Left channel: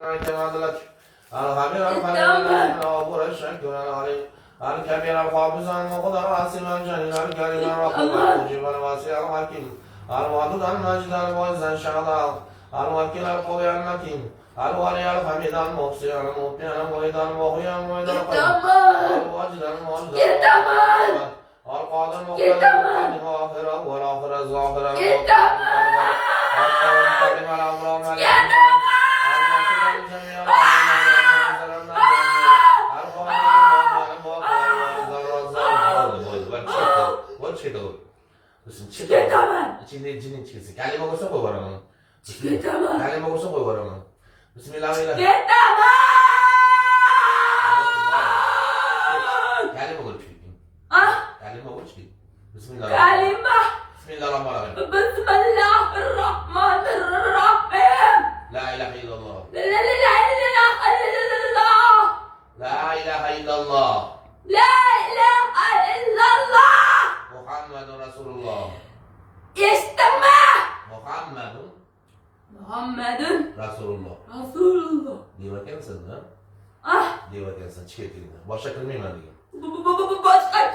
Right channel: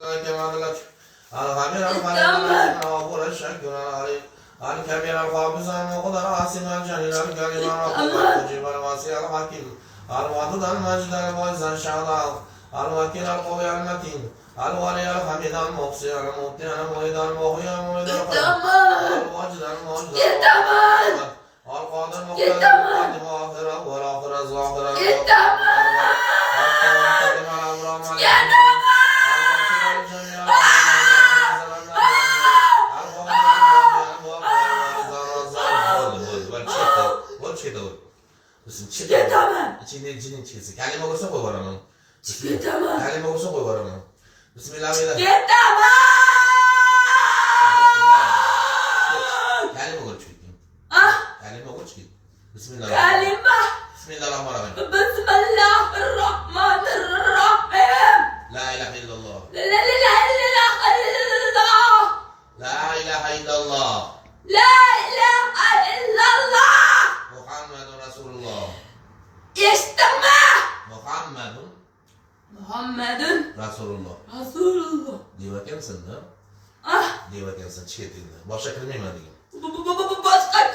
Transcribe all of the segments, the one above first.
كما لك الخبير الخليل الغفور الشكور العليم الكبير القابض المقدر عاصم الجليل الكريم الرقيب المجيب الواسع الحكيم الودود المجيد المعز الشهداء الوكيل القوي المتين الولي الحميد المحصي المبدع المعيد المحيي المعيد القيوم الواجد الموجد القادر المقتدر المقدم واخره والاخر الظاهر المقدم içinin çiğsi. Kalem olursa koy var onun. Kalem olursa koy var onun. Bismillahirrahmanirrahim. Kalem olur çünkü. Kalem olur çünkü. Bismillahirrahmanirrahim. Bismillahirrahmanirrahim. Bismillahirrahmanirrahim. La ilahe illallah. La ilahe illallah. La ilahe illallah. La ilahe illallah. Muhammedun Resulullah. İsteme. Muhammedun Resulullah. Diyorken ne? Ah. Diyorken sen çiğdin. Başka kelime mi diyeyim? Başka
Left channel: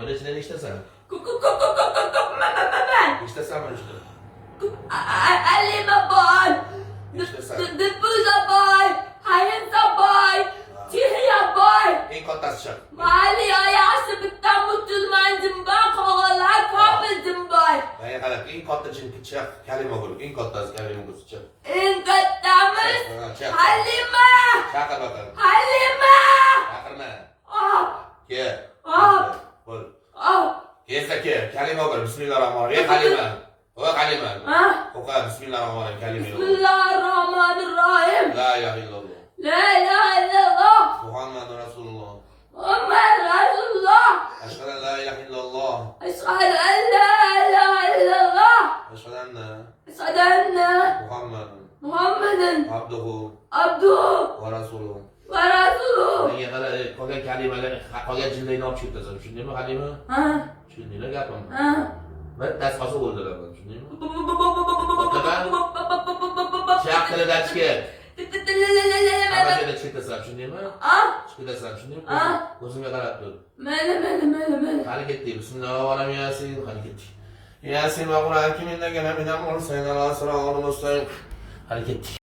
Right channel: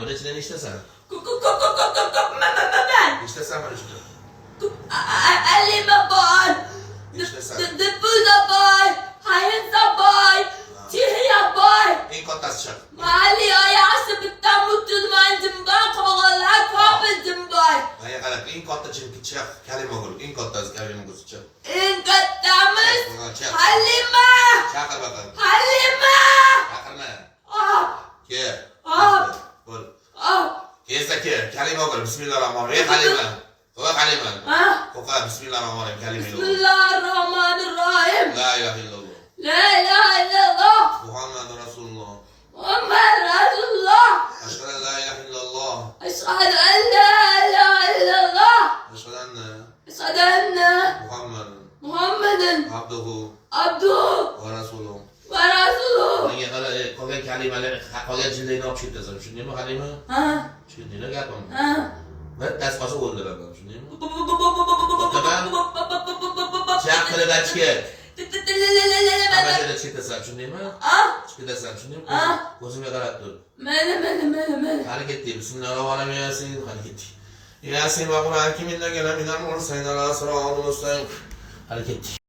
Böyle içine işte sen. İşte sen var işte. Elime boy. İşte sen. Dıpıza boy. Hayınsa boy. Çiğya boy. İlk kontası çak. Mali ayası bitten mutluluğum ben kovalar kapıldım boy. Ben yakalar. İlk kontası çünkü çak. Kelime olur. İlk kontası kelime olur çak. İnkattamız Halime. Çakır bakalım. Halime. Çakırma. Ah. Ke. Ah. Bol. Ah. Kesa ke. Kelime olur. Bismillahirrahmanirrahim. Halime. O halime. Ah. Oka Bismillahirrahmanirrahim. Kelime olur. Bismillahirrahmanirrahim. La ilahe illallah. La ilahe illallah. Muhammedun Resulullah. Muhammed Resulullah. Eşhedü en la ilahe illallah. Eşhedü en la ilahe illallah. Eşhedü enne Eşhedü enne Muhammeden abduhu abduhu ve resuluhu. ve resuluhu. Nega qolgan kalimalar, qolgan jillayni olib chiqasan, tushundingmi Halima? Ha. Tushundinglar gapimni? Ha. Bir tasqasi o'ldiraman, tushundingmi? Chaq tilidan chiqib. Hammasida chiqasan, tushundingmi? Ah. Chiqasan, tushundingmi? Ah. Ko'zimga qarab tur. Mele. Hali ketdik. Bismillahirrohmanirrohim. Yasin, hali ketdik. Yasin va Qur'on kimindan minal mursalin ala siratal mustaqim. Hali ketdik.